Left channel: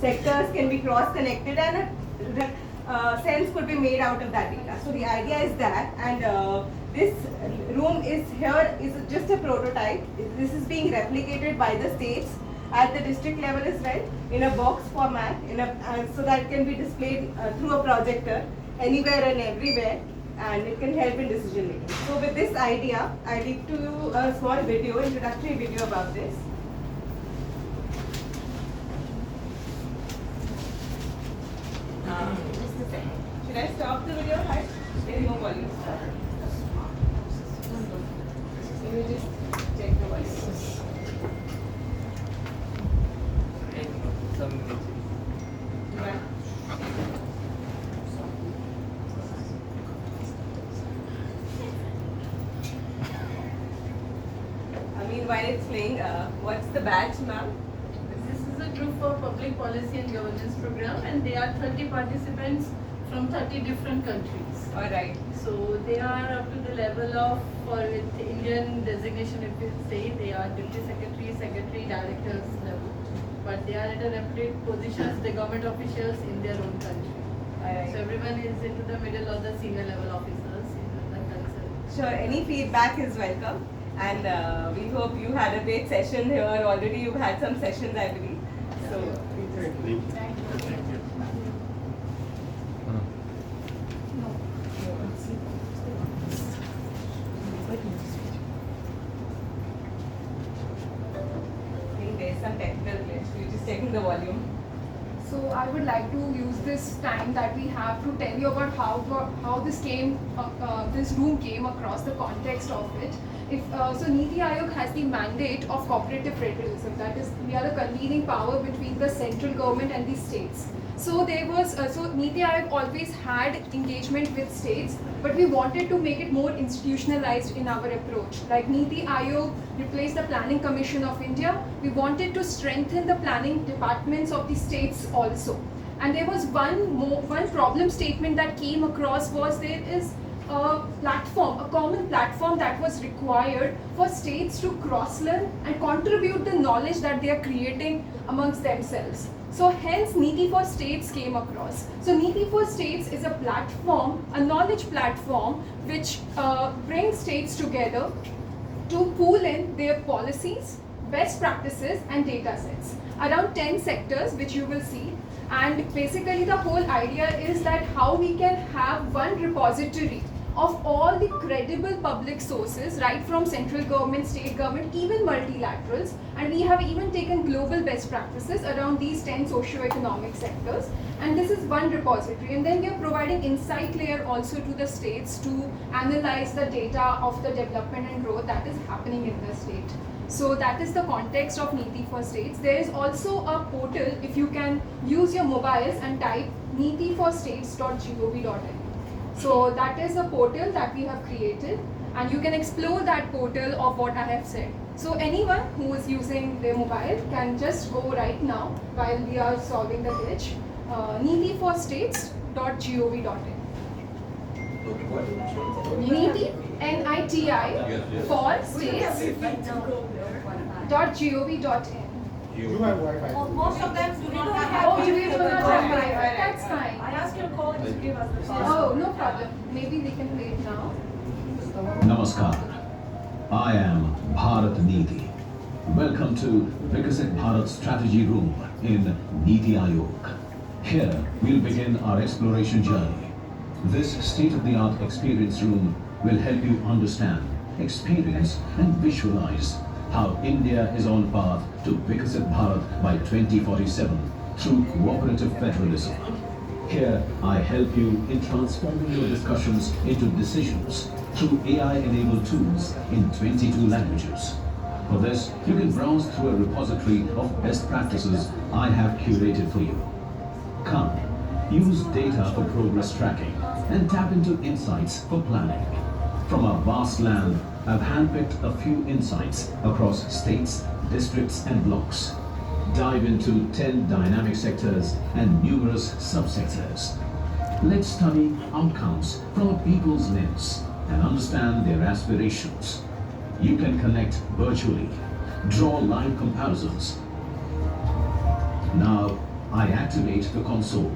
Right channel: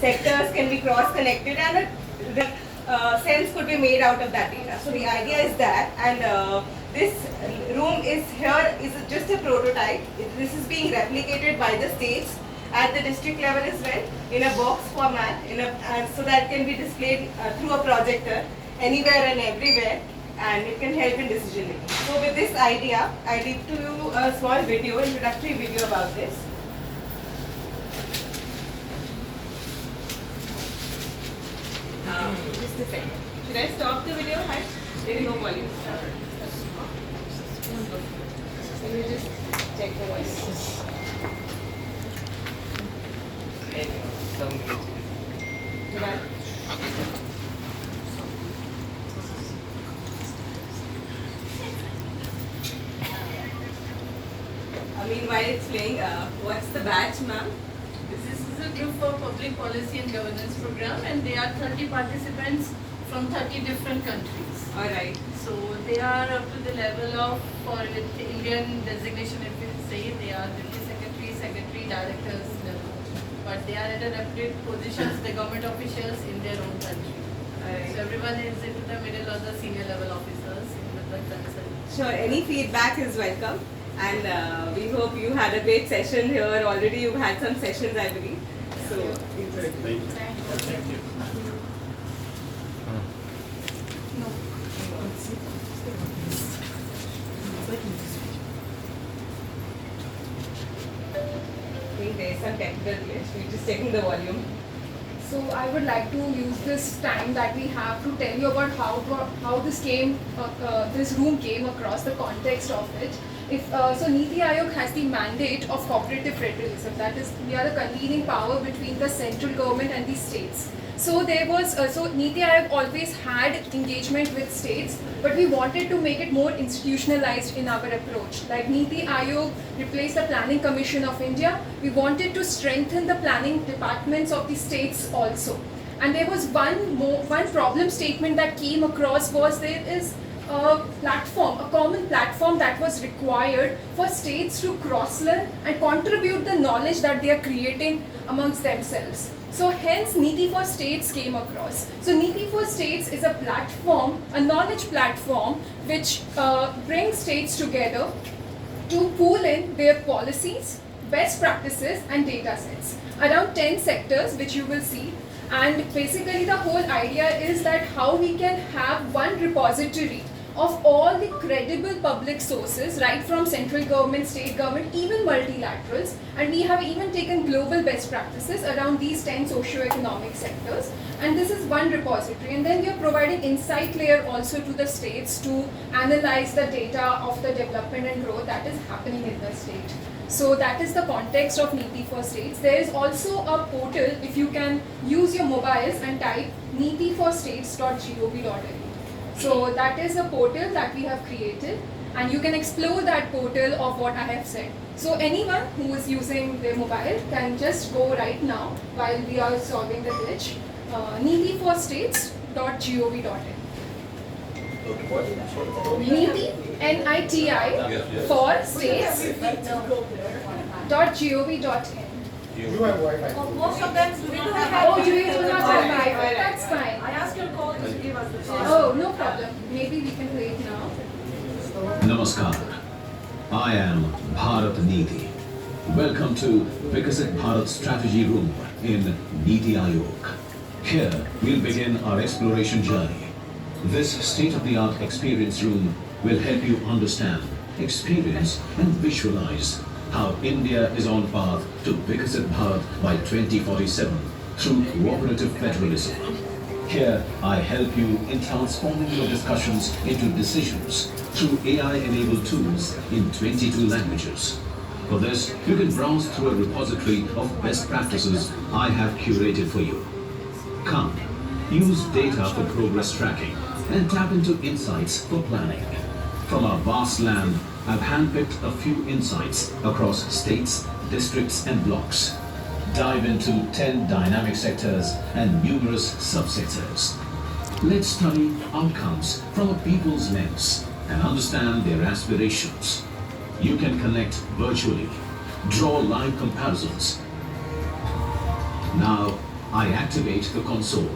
sectors can be cross-connected, and sense could be made out of that data. So the idea is that, and this room is just a prototype. This is being replicated by the states at the district level as well in a box format, so that can be displayed through a projector anywhere and everywhere, and it can help in decision making. So with this idea, I did to you a small video, introductory video about this. Just a second. Should I stop the video? There is no volume. Let me just check the volume. Meanwhile, it's playing. What's the batch, ma'am? This is a group for public policy and governance program, and they are 30 participants from 30 different countries. All right. So they are up to the level of, for Indian designation, if we say, they are deputy secretary, directors level. But they are at a reputed positions, the government officials in their own country. All right. So everyone is into the middle of the senior level officers in the country. Sure. Any feedback is welcome. And we hope you had a great session here. Already you've had some sessions, I believe. So, Thank you. I think there's some technical glitch. We're just checking the volume. So I would like to use this time that we have to tell you about how this room came across, the context of it. So Niti Aayog has the mandate of cooperative federalism. That is, we are the convening power between the central government and the states. So Niti Aayog always had engagement with states, but we wanted to make it more institutionalized in our approach. Like Niti Aayog replaced the Planning Commission of India, we wanted to strengthen the planning departments of the states also. And there was one problem statement that came across was there is a common platform that was required for states to cross-learn and contribute the knowledge that they are creating amongst themselves. So hence Niti for States came across. So Niti for States is a platform, a knowledge platform which brings states together to pool in their policies, best practices and data sets. Around 10 sectors which you will see. And basically the whole idea is that how we can have one repository of all the credible public sources, right from central government, state government, even multilaterals, and we have even taken global best practices around these 10 socio-economic sectors, and this is one repository. And then we are providing insight layer also to the states to analyze the data of the development and growth that is happening in the state. So that is the context of Niti for States. There is also a portal, if you can use your mobiles and type nitiforstates.gov.in. So that is the portal that we have created, and you can explore that portal of what I have said. So anyone who is using their mobile can just go right now while we are solving the glitch, nitiforstates.gov.in. Niti, N-I-T-I, for states.gov.in. You have Wi-Fi. Most of them do not have. Oh, you do not have Wi-Fi, that's fine. I asked your colleagues to give us the password. Oh, no problem. Maybe we can wait now. Namaskar. I am Bharat Niti. Welcome to Vikasit Bharat Strategy Room in Niti Aayog. Here we'll begin our exploration journey. This state-of-the-art experience room will help you understand, experience and visualize how India is on path to Vikasit Bharat by 2047 through cooperative federalism. Here, I help you in transforming your discussions into decisions through AI-enabled tools in 22 languages. For this, you can browse through a repository of best practices I have curated for you. Come, use data for progress tracking and tap into insights for planning. From our vast land, I've handpicked a few insights across states, districts and blocks. Dive into 10 dynamic sectors and numerous subsectors. Let's study outcomes from a people's lens and understand their aspirations. You can connect virtually, draw live comparisons. Now, I activate the console.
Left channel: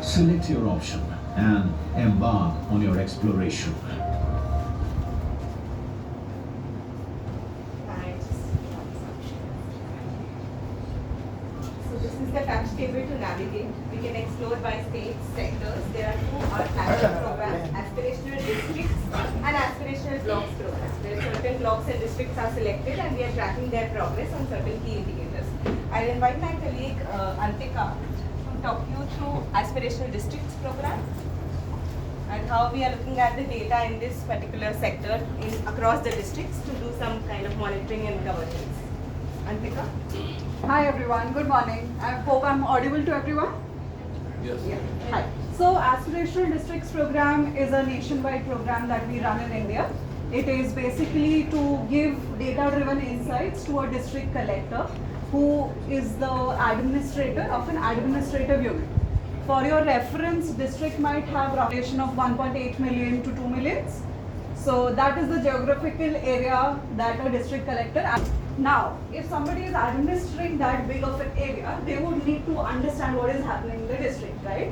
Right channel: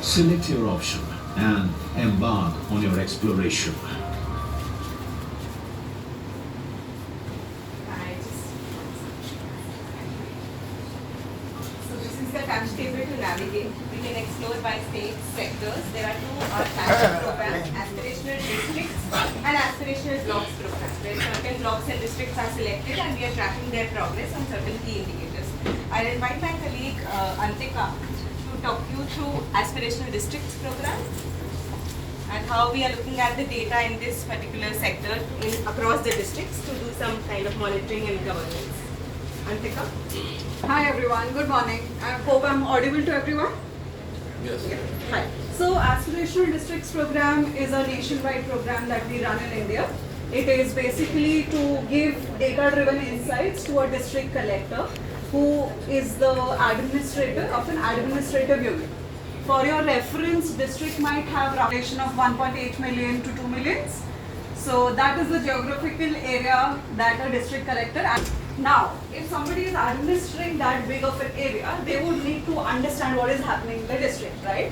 Select your option and embark on your exploration. So this is the touch table to navigate. We can explore by states, sectors. There are two national programs, aspirational districts and aspirational blocks programs, where certain blocks and districts are selected and we are tracking their progress on certain key indicators. I'll invite my colleague Antika to talk you through aspirational districts program and how we are looking at the data in this particular sector across the districts to do some kind of monitoring and governance. Antika? Hi everyone, good morning. I hope I'm audible to everyone. Yes. Yeah. Hi. So Aspirational Districts program is a nationwide program that we run in India. It is basically to give data-driven insights to a district collector who is the administrator of an administrative unit. For your reference, district might have population of 1.8 million to 2 million. So that is the geographical area that a district collector. Now, if somebody is administering that big of an area, they would need to understand what is happening in the district, right?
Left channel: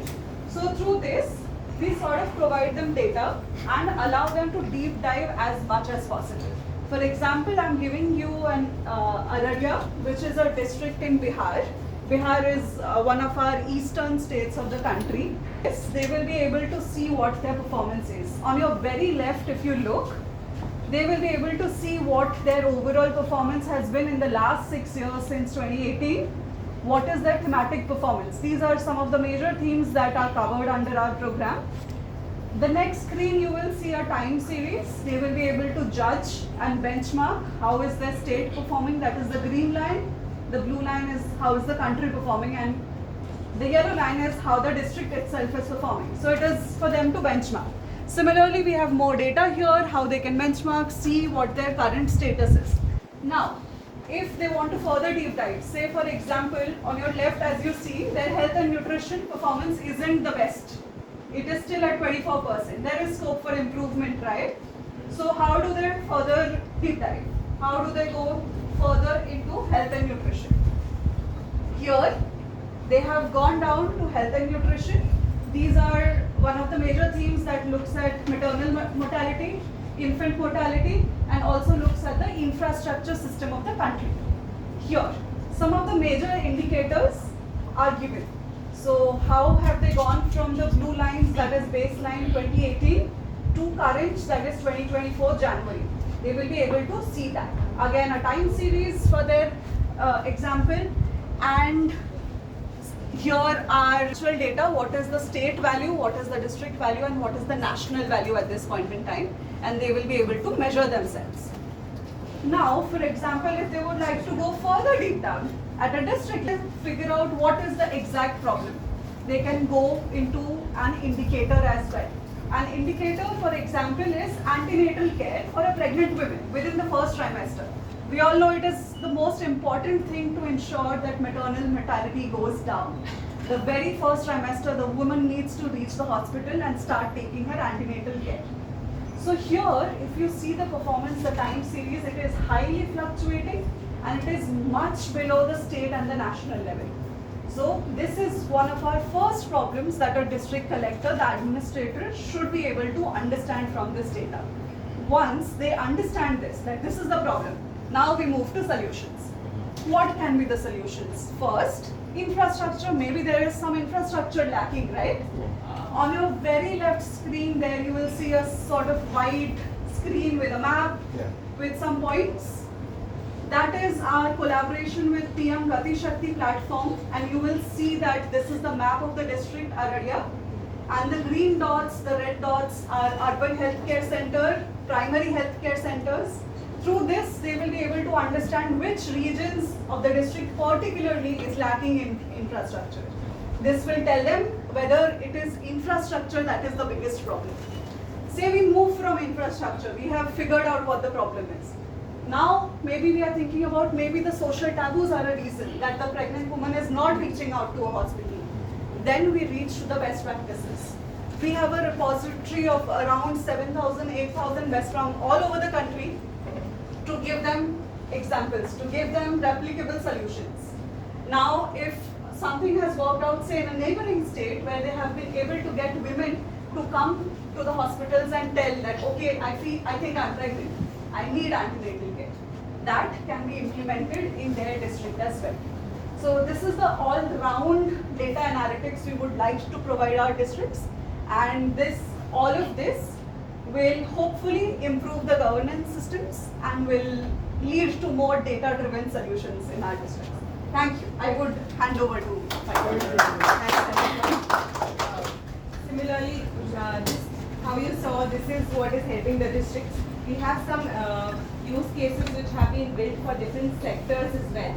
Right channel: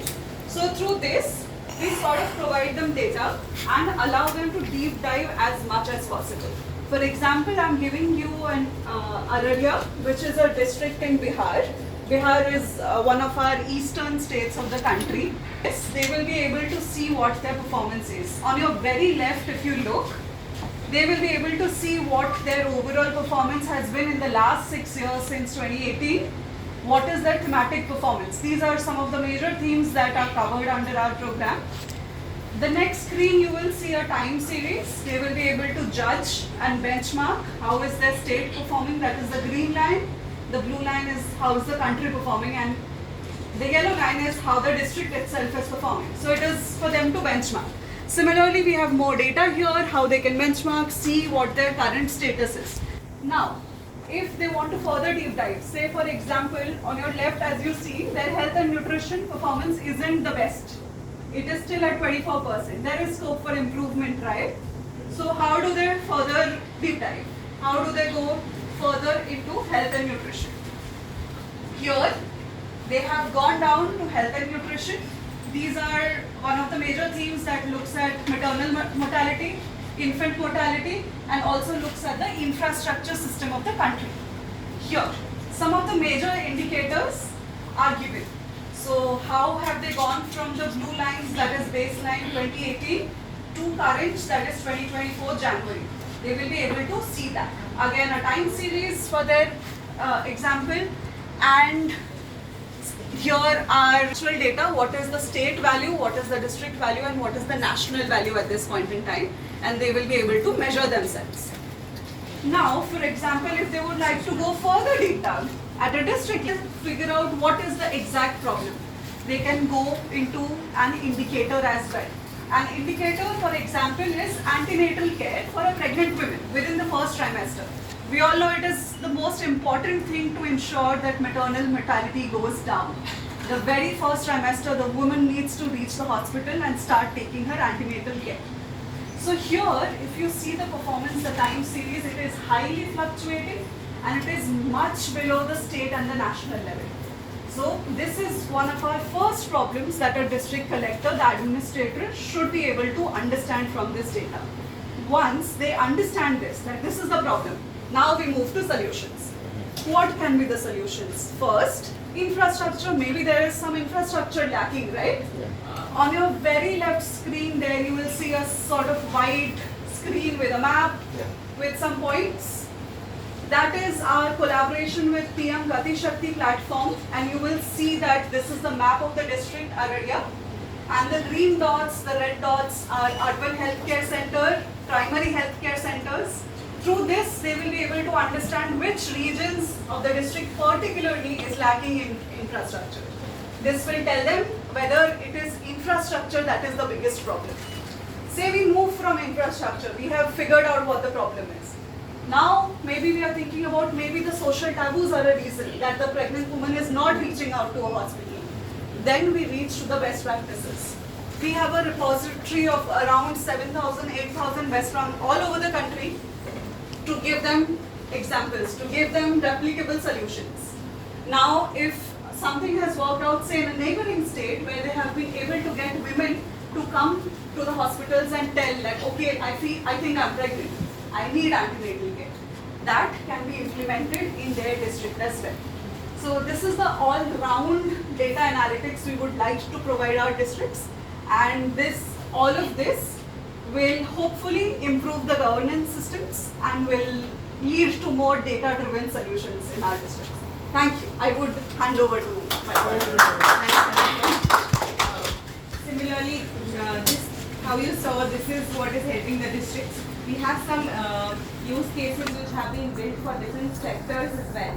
So through this, we sort of provide them data and allow them to deep dive as much as possible. For example, I'm giving you an Araria, which is a district in Bihar. Bihar is one of our eastern states of the country. Yes, they will be able to see what their performance is. On your very left, if you look, they will be able to see what their overall performance has been in the last 6 years since 2018. What is their thematic performance? These are some of the major themes that are covered under our program. The next screen you will see a time series. They will be able to judge and benchmark how is their state performing, that is the green line. The blue line is how is the country performing, and the yellow line is how the district itself is performing. So it is for them to benchmark. Similarly, we have more data here, how they can benchmark, see what their current status is. Now, if they want to further deep dive, say for example, on your left as you see, their health and nutrition performance isn't the best. It is still at 24%. There is scope for improvement, right? So how do they further deep dive? How do they go further into health and nutrition? Here, they have gone down to health and nutrition. These are one of the major themes that looks at maternal mortality, infant mortality, and also looks at the infrastructure system of the country. Here, some of the major indicators are given. So how have they gone from the blue lines, that is baseline 2018, to current, that is 2024 January. They will be able to see that. Again, a time series for their example, and here are actual data, what is the state value, what is the district value, and what is the national value at this point in time, and they will be able to measure themselves. Now, for example, if they would like to go further deep down at a district, figure out what is the exact problem, they can go into an indicator as well. An indicator, for example, is antenatal care for a pregnant woman within the first trimester. We all know it is the most important thing to ensure that maternal mortality goes down. The very first trimester, the woman needs to reach the hospital and start taking her antenatal care. So here, if you see the performance, the time series, it is highly fluctuating and it is much below the state and the national level. So this is one of our first problems that a district collector, the administrator, should be able to understand from this data. Once they understand this, that this is the problem, now we move to solutions. What can be the solutions? First, infrastructure. Maybe there is some infrastructure lacking, right? On your very left screen there you will see a sort of wide screen with a map with some points. That is our collaboration with PM Gati Shakti platform, and you will see that this is the map of the district Araria, and the green dots, the red dots are urban healthcare center, primary healthcare centers. Through this, they will be able to understand which regions of the district particularly is lacking in infrastructure. This will tell them whether it is infrastructure that is the biggest problem. Say we move from infrastructure, we have figured out what the problem is. Now, maybe we are thinking about maybe the social taboos are a reason that the pregnant woman is not reaching out to a hospital. Then we reach to the best practices. We have a repository of around 7,000, 8,000 best from all over the country to give them examples, to give them replicable solutions. Now, if something has worked out, say in a neighboring state, where they have been able to get women to come to the hospitals and tell like, okay, I think I'm pregnant, I need antenatal care. That can be implemented in their district as well. So this is the all-round data analytics we would like to provide our districts, and all of this will hopefully improve the governance systems and will lead to more data-driven solutions in our districts. Thank you. I would hand over to my colleague. Similarly, this, how you saw, this is what is helping the districts. We have some use cases which have been built for different sectors as well.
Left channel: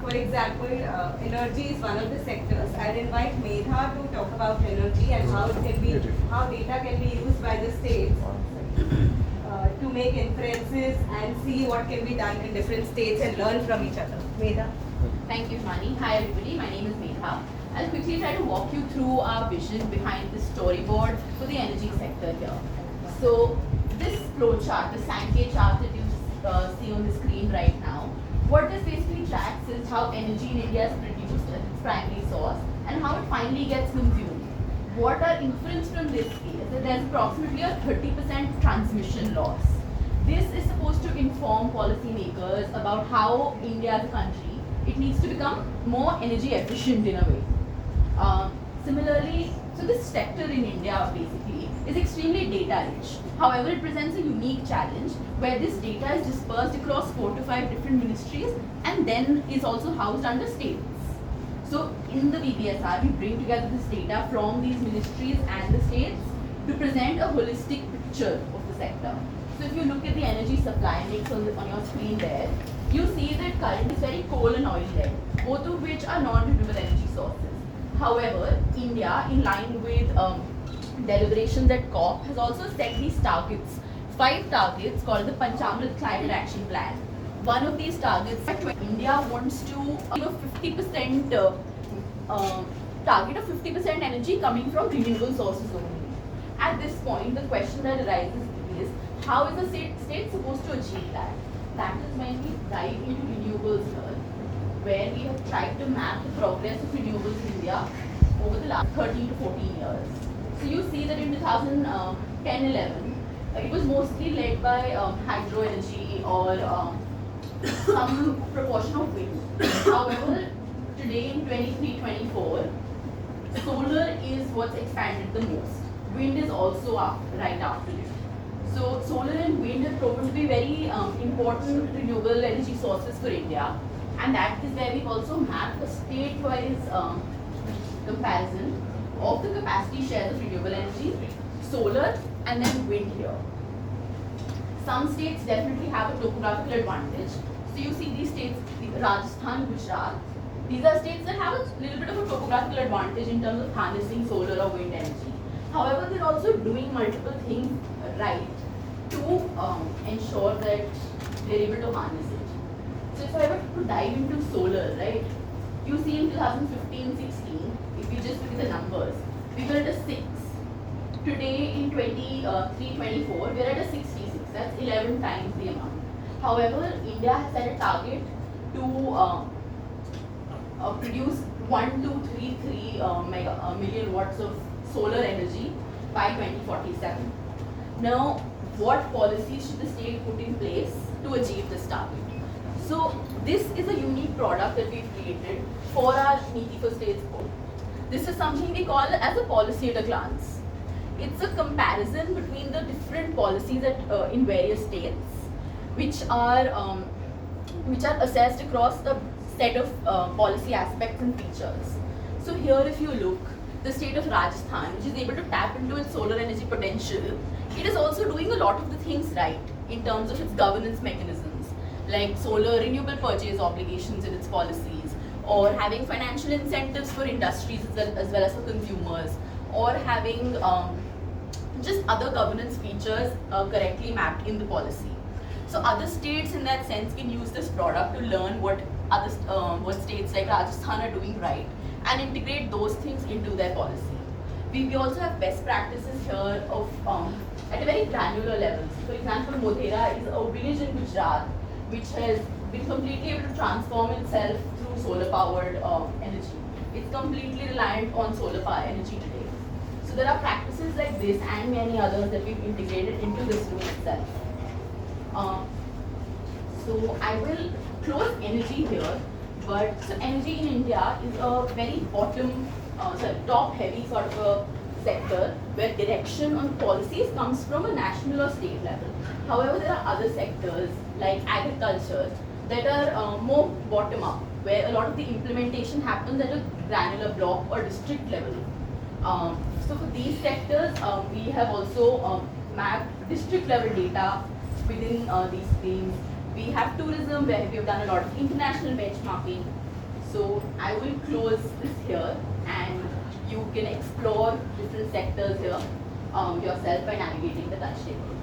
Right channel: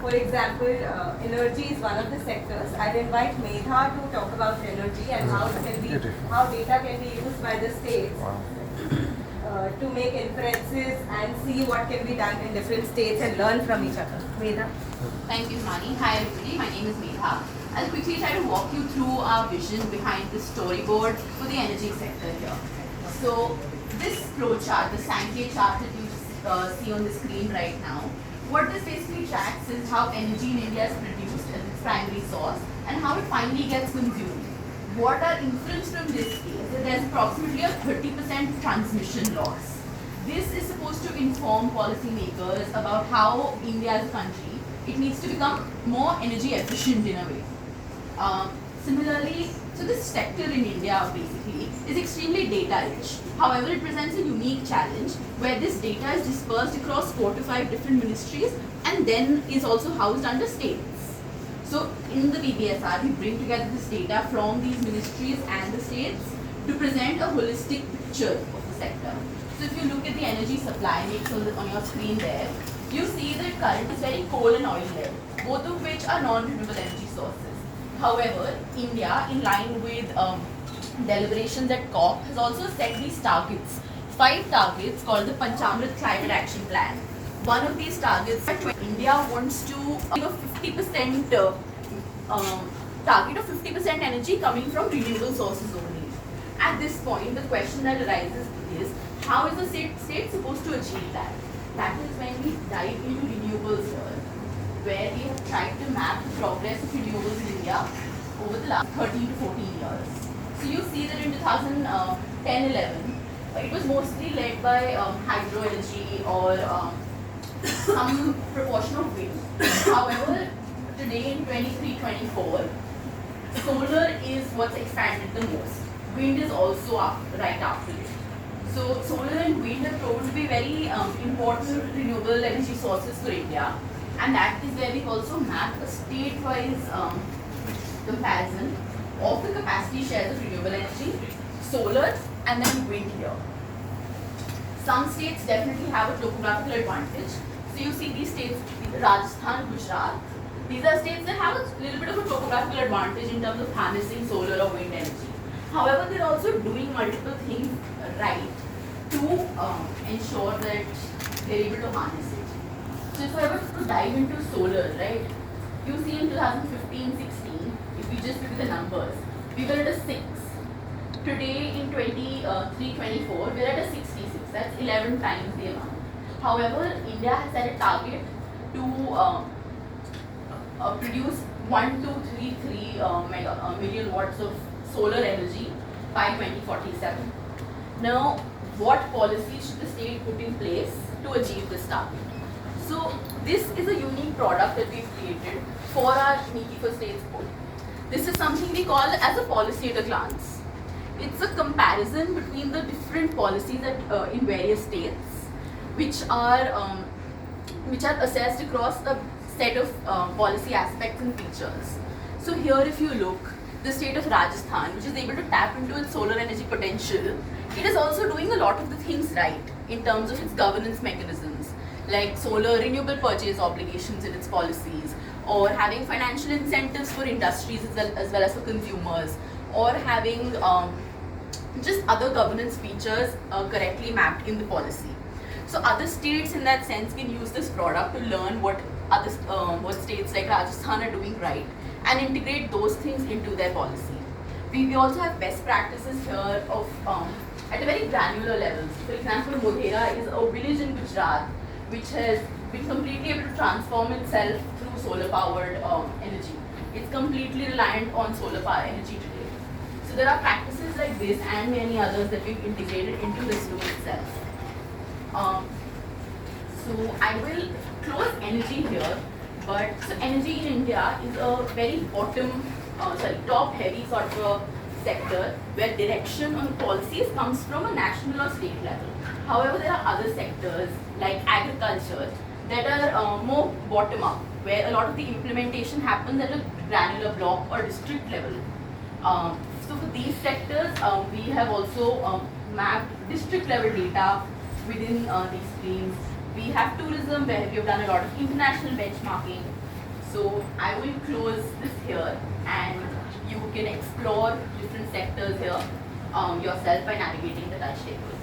For example, energy is one of the sectors. I'll invite Medha to talk about energy and how data can be used by the states to make inferences and see what can be done in different states and learn from each other. Medha. Thank you, Mani. Hi everybody, my name is Medha. I'll quickly try to walk you through our vision behind this storyboard for the energy sector here. So this flow chart, the Sankey chart that you see on the screen right now, what this basically tracks is how energy in India is produced as its primary source and how it finally gets consumed. What are inference from this is that there's approximately a 30% transmission loss. This is supposed to inform policymakers about how India as a country, it needs to become more energy efficient in a way. Similarly, so this sector in India basically is extremely data rich. However, it presents a unique challenge where this data is dispersed across 4 to 5 different ministries and then is also housed under states. So in the BBSR, we bring together this data from these ministries and the states to present a holistic picture of the sector. So if you look at the energy supply mix on your screen there, you see that current is very coal and oil led, both of which are non-renewable energy sources. However, India, in line with deliberations at COP, has also set these targets, 5 targets called the Panchamrit Climate Action Plan. One of these targets, India wants to 50% target of 50% energy coming from renewable sources only. At this point, the question that arises is, how is the state supposed to achieve that? That is when we dive into renewables here, where we have tried to map the progress of renewables in India over the last 13 to 14 years. So you see that in 2010-11, it was mostly led by hydro energy or some proportion of wind. However, today in 23-24, solar is what's expanded the most. Wind is also up right after it. So solar and wind are proven to be very important renewable energy sources for India, and that is where we've also mapped a state-wise comparison of the capacity shares of renewable energy, solar, and then wind here. Some states definitely have a topographical advantage. So you see these states, Rajasthan, Gujarat, these are states that have a little bit of a topographical advantage in terms of harnessing solar or wind energy. However, they're also doing multiple things right to ensure that they're able to harness it. So if I were to dive into solar, right, you see in 2015-16, if we just look at the numbers, we were at a 6. Today in 23-24, we're at a 66. That's 11 times the amount. However, India has set a target to produce 1233 million watts of solar energy by 2047. Now, what policies should the state put in place to achieve this target? So, this is a unique product that we've created for our Niti for States board. This is something we call as a policy at a glance. It's a comparison between the different policies in various states, which are assessed across a set of policy aspects and features. So here, if you look, the state of Rajasthan, which is able to tap into its solar energy potential, it is also doing a lot of the things right in terms of its governance mechanisms, like solar renewable purchase obligations in its policies, or having financial incentives for industries as well as for consumers, or having just other governance features correctly mapped in the policy. So other states in that sense can use this product to learn what states like Rajasthan are doing right and integrate those things into their policy. We also have best practices here of at a very granular level. For example, Modhera is a village in Gujarat which has been completely able to transform itself through solar powered energy. it's completely reliant on solar power energy today. So there are practices like this and many others that we've integrated into this room itself. So I will close energy here, but so energy in India is a very top heavy sort of a sector where direction on policies comes from a national or state level. However, there are other sectors like agriculture that are more bottom up, where a lot of the implementation happens at a granular block or district level. So for these sectors, we have also mapped district level data within these streams. We have tourism where we have done a lot of international benchmarking. So I will close this here and you can explore different sectors here yourself by navigating the touch table.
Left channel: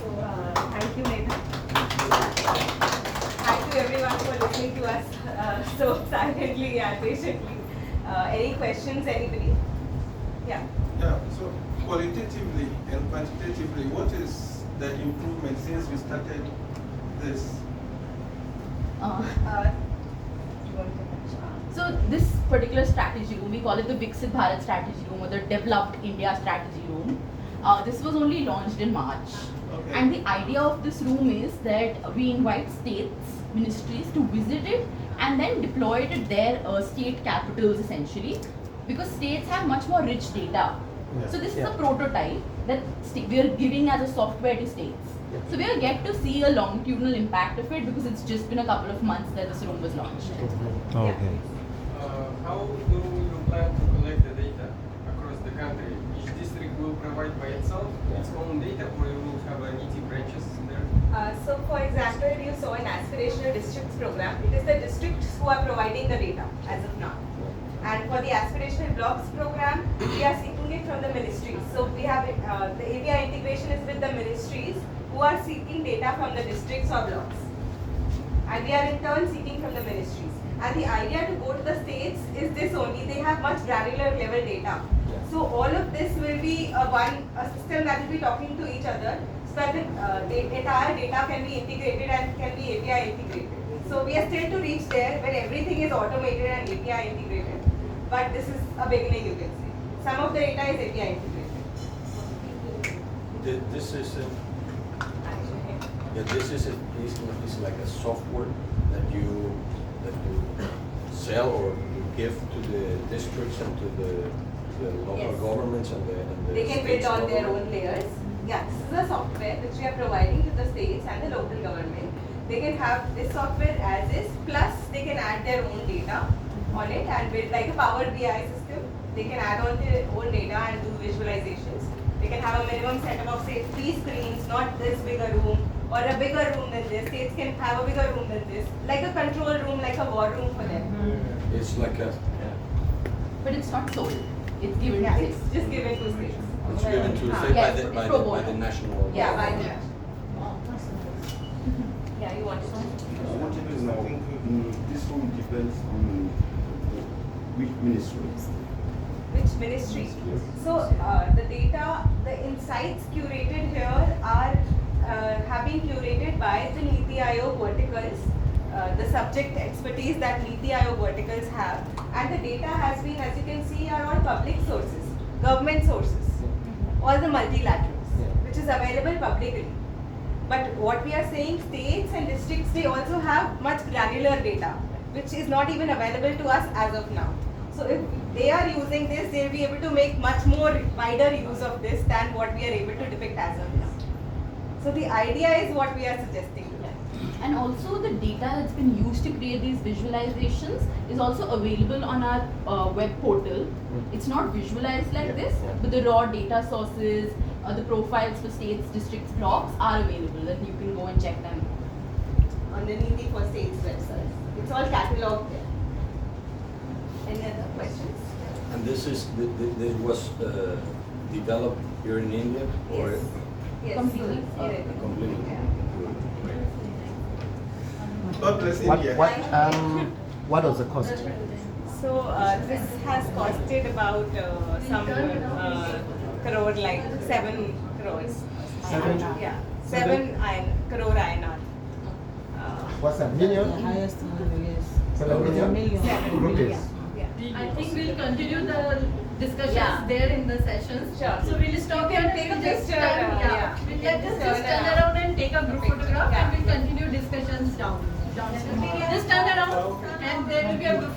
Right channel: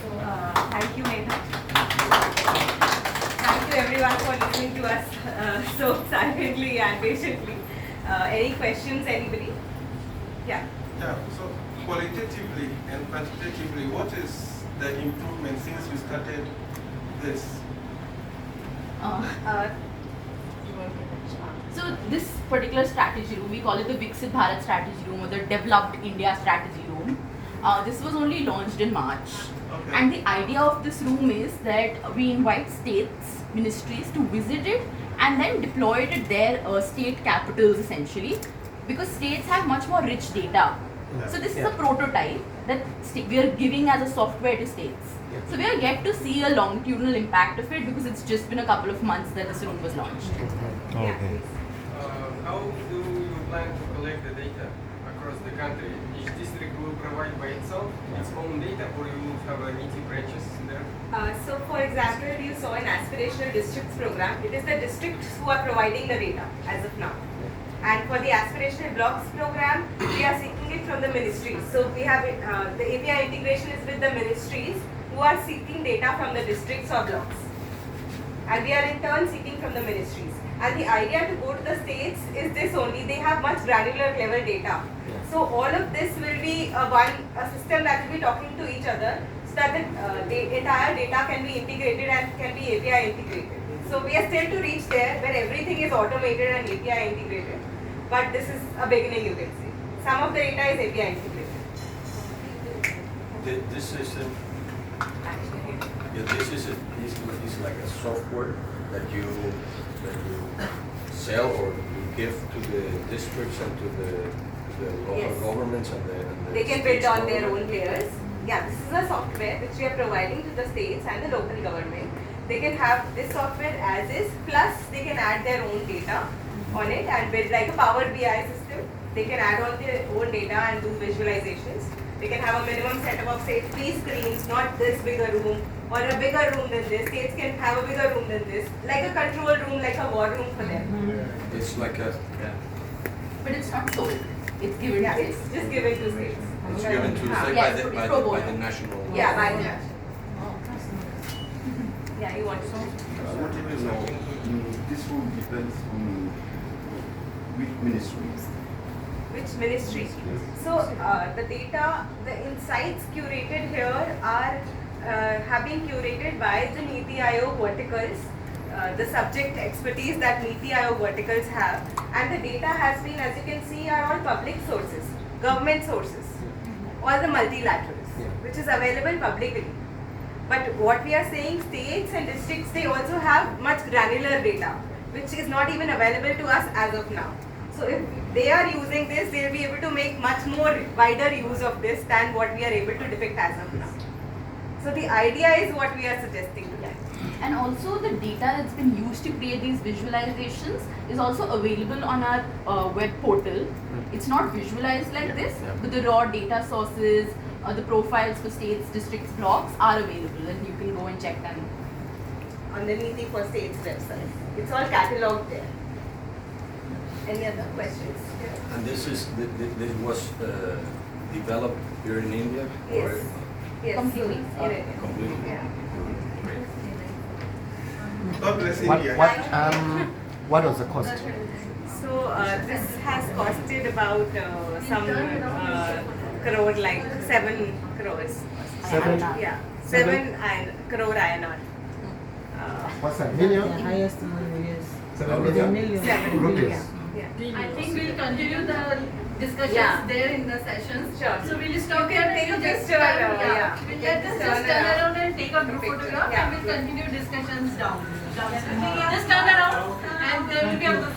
So thank you, Megha. Thank you everyone for listening to us so silently and patiently. Any questions, anybody? Yeah. Yeah, so qualitatively and quantitatively, what is the improvement since you started this? So this particular strategy room, we call it the Viksit Bharat strategy room or the Developed India strategy room. This was only launched in March. Okay. And the idea of this room is that we invite states, ministries to visit it and then deploy it at their state capitals essentially, because states have much more rich data. Yeah. So this is a prototype that we are giving as a software to states. So we are yet to see a longitudinal impact of it because it's just been a couple of months that this room was launched. Yeah, please. How do you plan to collect the data across the country? Each district will provide by itself its own data, or you will have a NITI branches there? So for example, you saw an aspirational districts program. It is the districts who are providing the data as of now. And for the aspirational blocks program, we are seeking it from the ministries. So we have the API integration is with the ministries who are seeking data from the districts or blocks. And we are in turn seeking from the ministries. And the idea to go to the states is this only, they have much granular level data. So all of this will be a system that will be talking to each other so that the entire data can be integrated and can be API integrated. So we are still to reach there where everything is automated and API integrated. But this is a beginning, you can say. Some of the data is API integrated. This is Actually. this is like a software that you sell or you give to the districts and to the local Yes. governments and the They can states build on their government. own layers. Yeah, this is a software which we are providing to the states and the local government. They can have this software as is, plus they can add their own data on it and build like a Power BI system. They can add on their own data and do visualizations. They can have a minimum setup of say 3 screens, not this bigger room, or a bigger room than this. States can have a bigger room than this, like a control room, like a war room for them. It's like a But it's not sold. It's given Yeah, to it's states. just given to states. it's given to Huh. say Yes, by pro the bono. national. Yeah, by the Yeah, you want to know? I wanted to know, this one depends on which ministry? Which ministry? So the data, the insights curated here are have been curated by the NITI Aayog verticals, the subject expertise that NITI Aayog verticals have, and the data has been, as you can see, are all public sources, government sources, all the multilaterals, which is available publicly. But what we are saying, states and districts, they also have much granular data, which is not even available to us as of now. So if they are using this, they'll be able to make much more wider use of this than what we are able to depict as of now. So the idea is what we are suggesting to them. And also the data that's been used to create these visualizations is also available on our web portal. It's not visualized like this, but the raw data sources, the profiles for states, districts, blocks are available and you can go and check them. On the NITI for States website. It's all catalogued there. Any other questions? And this was developed here in India? Or Yes. Yes. Completely. In India. completely? Yeah. God bless India. What was the cost? So this has costed about some crore, like 7 crores. Yeah, 7 crore INR. What's that? Million? The highest number is 7 million? 7 million. 7 Rupees. million. Yeah. I think we'll continue the discussions Yeah. there in the sessions. Sure. So we'll stop You can here. take a We'll just picture, turn- yeah. We'll You let can us just just turn turn around and take a group picture. photograph Yeah. and we'll continue discussions downstairs. Just turn around and there will be a group